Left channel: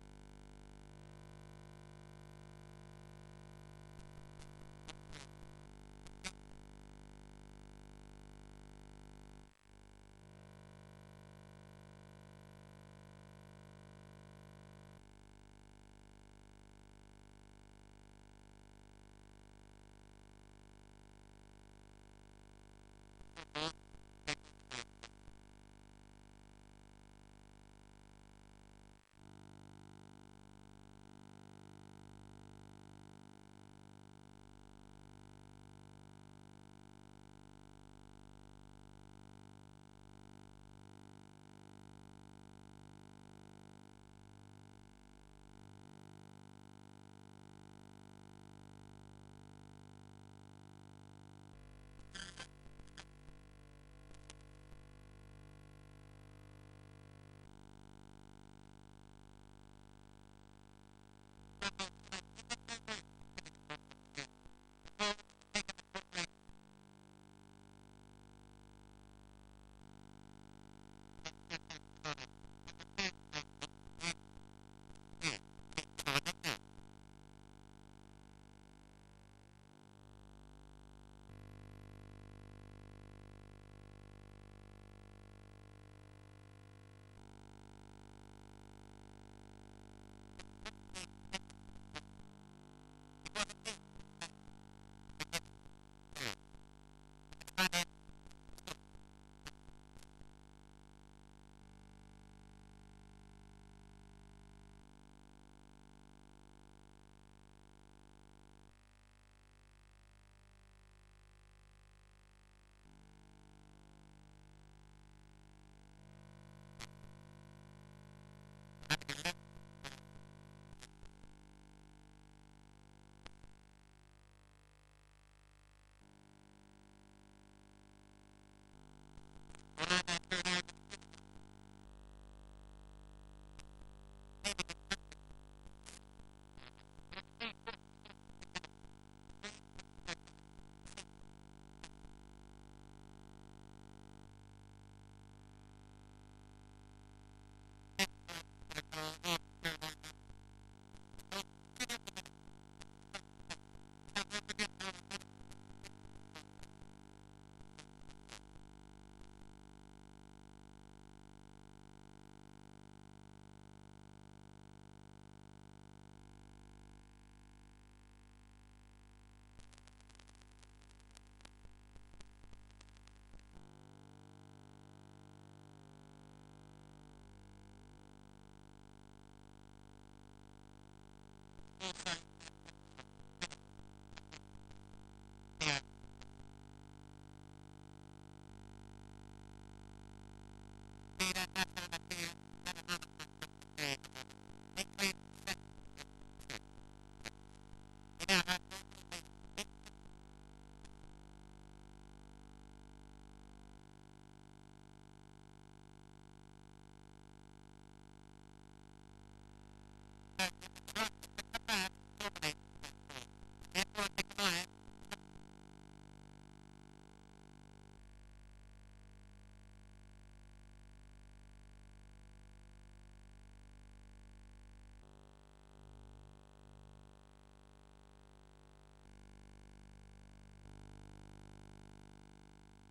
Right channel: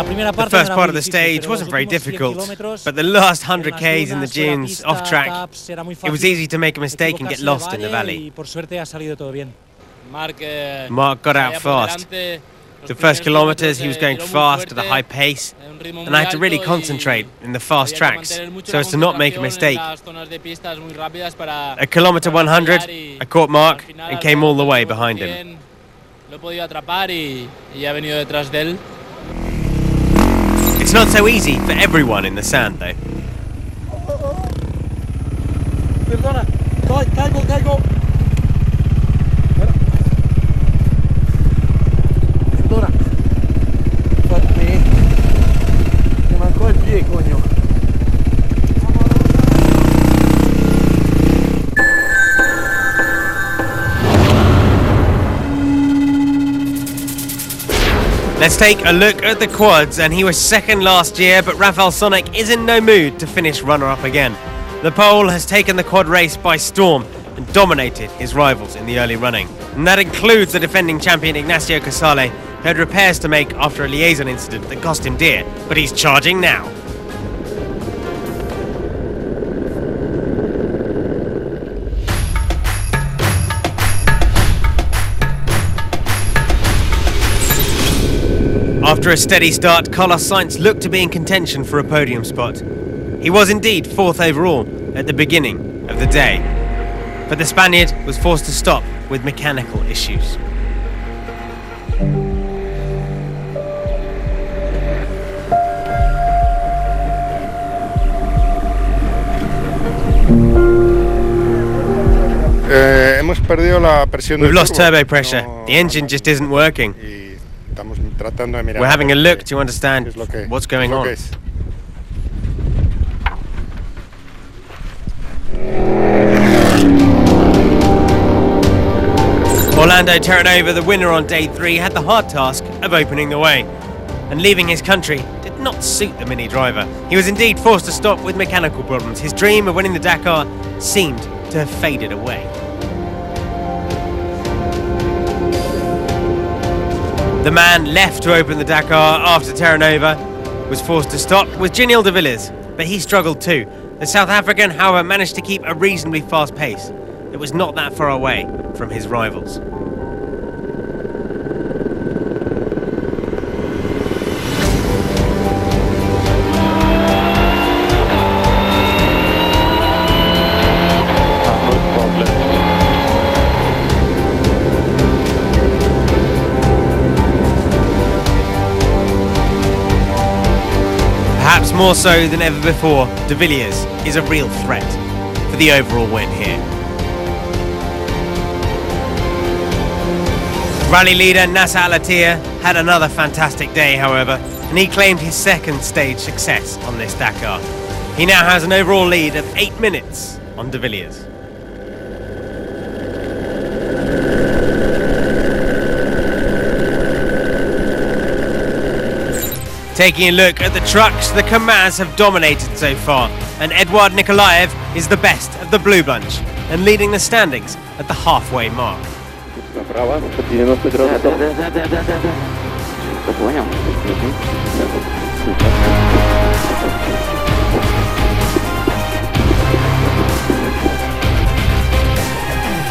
The first part of the stage wasn't very difficult, but the last 100 Ks in the dunes, off track, it was easy to make a mistake and get lost in the valley. Mark got out fast. The first kilometers he was going fast at a high pace, and I had to really concentrate in the fast tracks so as to not make a mistake. At kilometer 100, I caught Mark and came all the way behind him. It's not so easy for everyone in the sand, though. Perdona, caigo. Perdona. Mi mancò il pie, coño. Let's take a look at the quads, and he was second last year, but Rafael Sonic is in no mood to finish runner-up again. The Pole has taken the quad race by storm and dominated his rivals in the early running. And that includes the defending champion Ignacio Casale, who had repairs to make after a liaison incident that cost him dear, but he's charging now. After a steady start, Carlos Sainz looked to be in contention for a podium spot. He was indeed fourth overall at the beginning of the day, but the Spaniard was forced to stop with mechanical issues. We've lost turbo pressure. The engine just isn't working. We're having a look to understand what's going on. Orlando Terranova, the winner on day 3, had the hard task of opening the way. And leaving his country did not suit the Mini driver. He was indeed forced to stop with mechanical problems. His dream of winning the Dakar seemed to have faded away. The man left to open the Dakar after Terranova was forced to stop was Giniel de Villiers, but he struggled too. The South African, however, managed to keep a reasonably fast pace. It was not that far away from his rivals. Perhaps more so than ever before, de Villiers is a real threat for the overall win here. Rally leader Nasser Al-Attiyah had another fantastic day, however, and he claimed his second stage success on this Dakar. He now has an overall lead of 8 minutes on de Villiers. Taking a look at the trucks, the Kamaz have dominated so far, and Eduard Nikolaev is the best of the blue bunch and leading the standings at the halfway mark.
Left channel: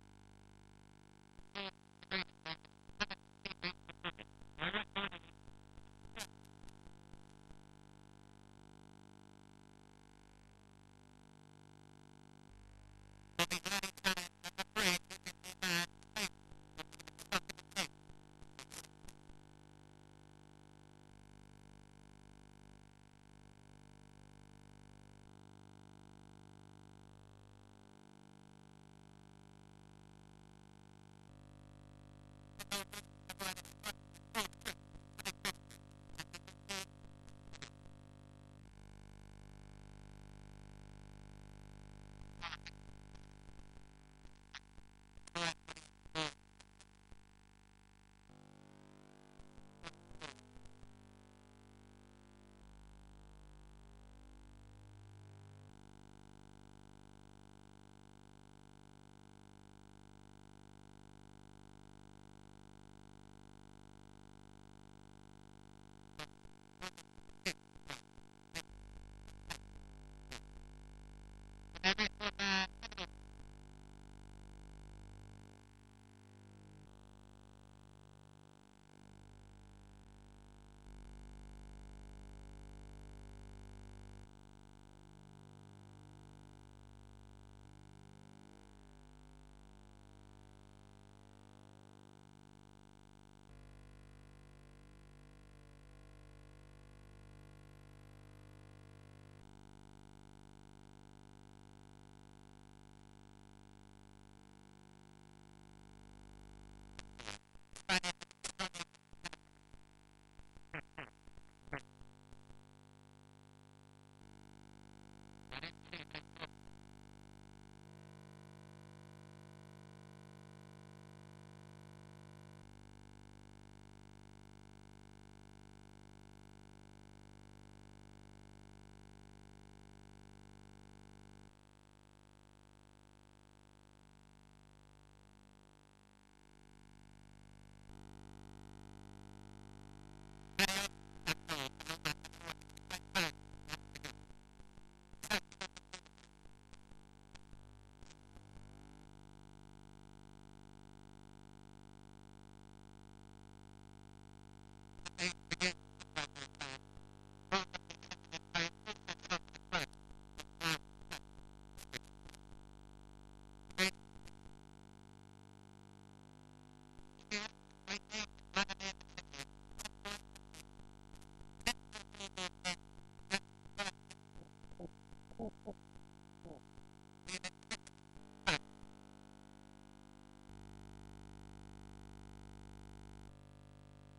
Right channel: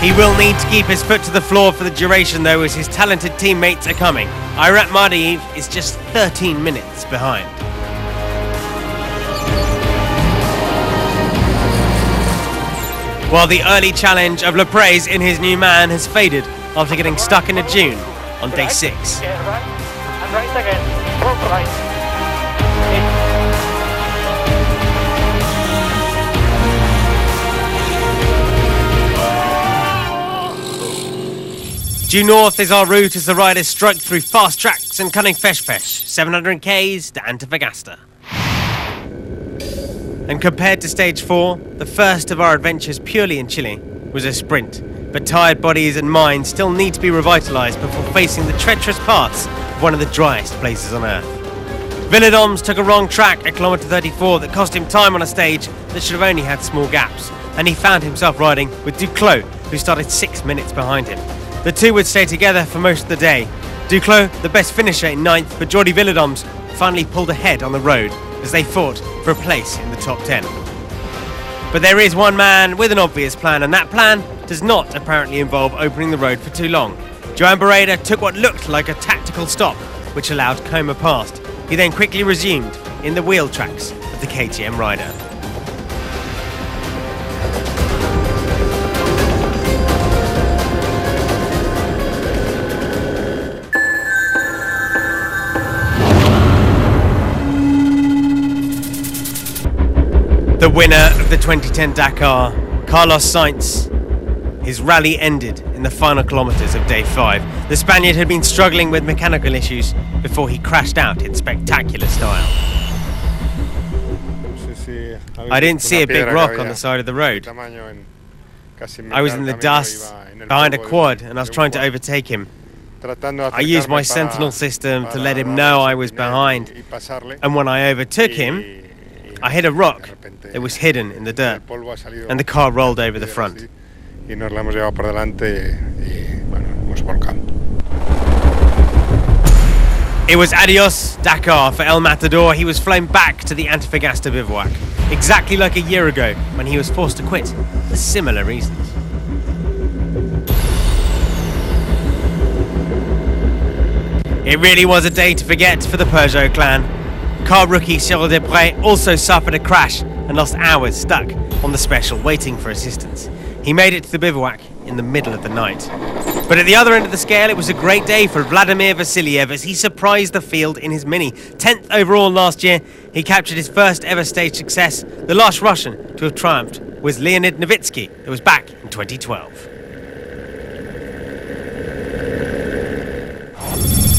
He will need to keep his foot to the floor for the duration, though, as his talented teammates are coming. Irat Mardiev is just 13 minutes behind. While the early challenge of Leprez in his new man has faded after getting stuck in a dune on day 6. Due north is our route as the riders strike through fast tracks and cunning fesh, 700 Ks to Antofagasta. And compared to stage 4, the first of our adventures purely in Chile was a sprint. But tired bodies and minds still need to be revitalised before facing the treacherous paths of one of the driest places on Earth. Villedoms took a wrong track at kilometre 34 that cost him time on a stage that should have only had small gaps. And he found himself riding with Duclos, who started 6 minutes behind him. The two would stay together for most of the day. Duclos, the best finisher in 9th, but Jordi Villedoms finally pulled ahead on the road as they fought for a place in the top 10. But there is one man with an obvious plan, and that plan does not apparently involve opening the road for too long. Joan Barreda took what looked like a tactical stop, which allowed Coma past. He then quickly resumed in the wheel tracks of the KTM rider. The winner of the 2010 Dakar, Carlos Sainz. His rally ended in the final kilometres of day 5. The Spaniard had been struggling with mechanical issues before he crashed out in spectacular style. I didn't see a big rock on the side of the road. I was in the dust, behind a quad, and I was trying to overtake him. I used my sentinel system to let him know I was behind, and when I overtook him, I hit a rock that was hidden in the dirt, and the car rolled over the front. It was adios Dakar for El Matador. He was flown back to the Antofagasta bivouac, exactly like a year ago when he was forced to quit for similar reasons. It really was a day to forget for the Peugeot clan. Car rookie Cyril Desprez also suffered a crash and lost hours stuck on the special waiting for assistance. He made it to the bivouac in the middle of the night. But at the other end of the scale, it was a great day for Vladimir Vasiliev as he surprised the field in his Mini. 10th overall last year, he captured his first ever stage success. The last Russian to have triumphed was Leonid Novitsky, who was back in 2012.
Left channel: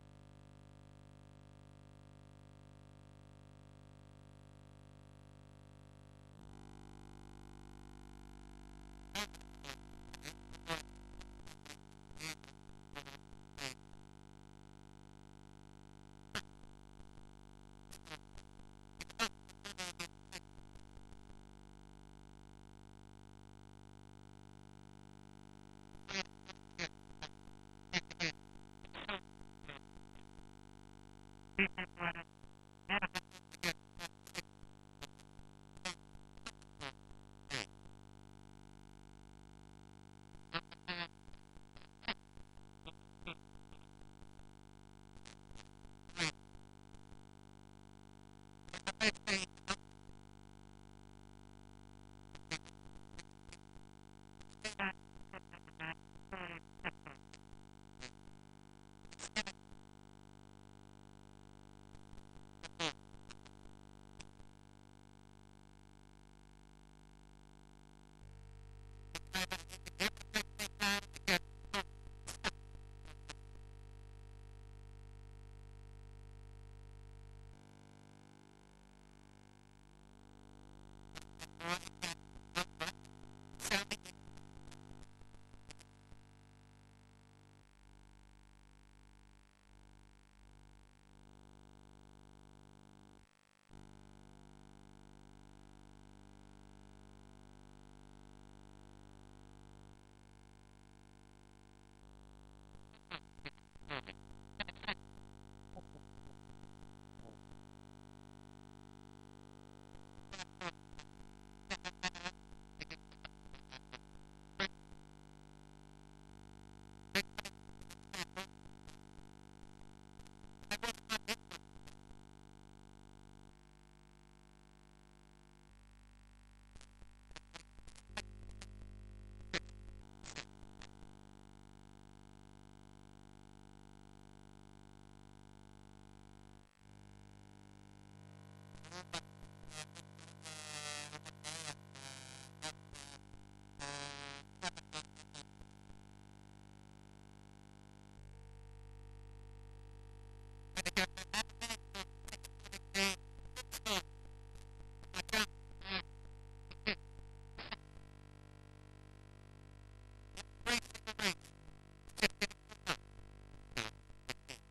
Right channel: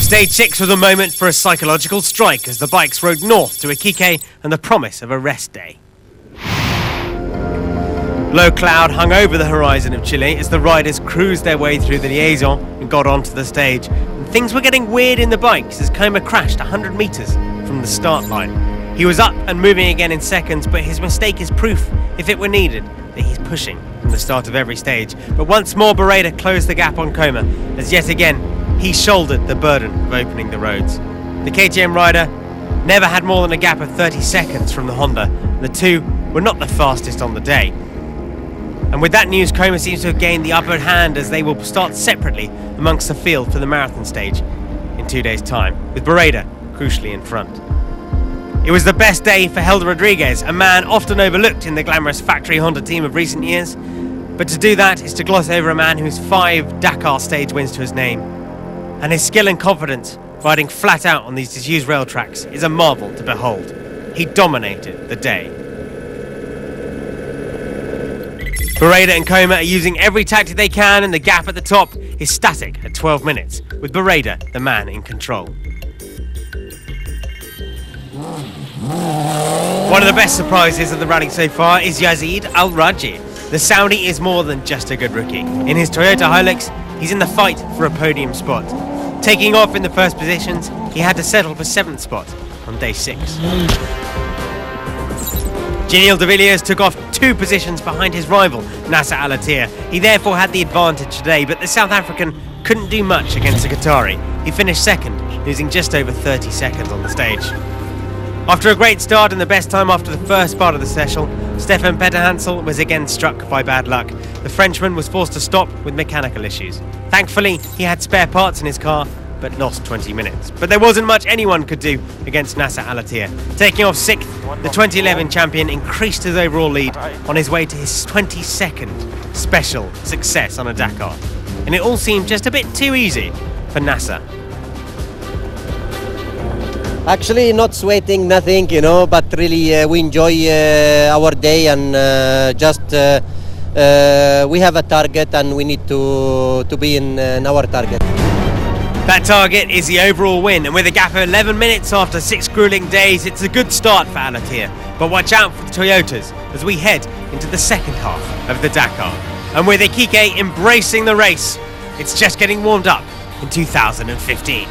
Stage 6 was a moment for a psychological strike as the bikes rode north to Iquique and the promise of a rest day. Low cloud hung over the horizon of Chile as the riders cruised their way through the liaison and got onto the stage. And things were getting weird in the bikes as Coma crashed 100 metres from the start line. He was up and moving again in seconds, but his mistake is proof, if it were needed, that he's pushing from the start of every stage. But once more, Barreda closed the gap on Coma as yet again he shouldered the burden of opening the roads. The KTM rider never had more than a gap of 30 seconds from the Honda. The two were not the fastest on the day. And with that news, Coma seems to have gained the upper hand as they will start separately amongst the field for the marathon stage in 2 days' time, with Barreda crucially in front. It was the best day for Helder Rodriguez, a man often overlooked in the glamorous factory Honda team of recent years. But to do that is to gloss over a man who's 5 Dakar stage wins to his name. And his skill and confidence riding flat out on these disused rail tracks is a marvel to behold. He dominated the day. Barreda and Coma are using every tactic they can, and the gap at the top is static at 12 minutes, with Barreda the man in control. One of the best surprises of the rally so far is Yazid Al-Raji. The Saudi is more than just a good rookie. In his Toyota Hilux, he's in the fight for a podium spot. Taking off in the first positions, he had to settle for 7th spot on day 6. Gilles de Villiers took off 2 positions behind his rival, Nasser Al-Attiyah. He therefore had the advantage today, but the South African couldn't do much against the Qatari. He finished 2nd, losing just over 30 seconds on the stage. After a great start and the best time after the first part of the session, Stefan Petterhansel was again struck by bad luck. The Frenchman was forced to stop with mechanical issues. Thankfully, he had spare parts in his car, but lost 20 minutes. But there wasn't much anyone could do against Nasser Al-Attiyah. Taking off 6th, the 2011 champion increased his overall lead on his way to his 22nd special success on a Dakar. And it all seemed just a bit too easy for Nasser. Actually, not sweating, nothing, but really we enjoy our day and we have a target and we need to be in our target. That target is the overall win, and with a gap of 11 minutes after 6 grueling days, it's a good start for Al-Attiyah. But watch out for the Toyotas as we head into the second half of the Dakar. And with Iquique embracing the race, it's just getting warmed up in 2015.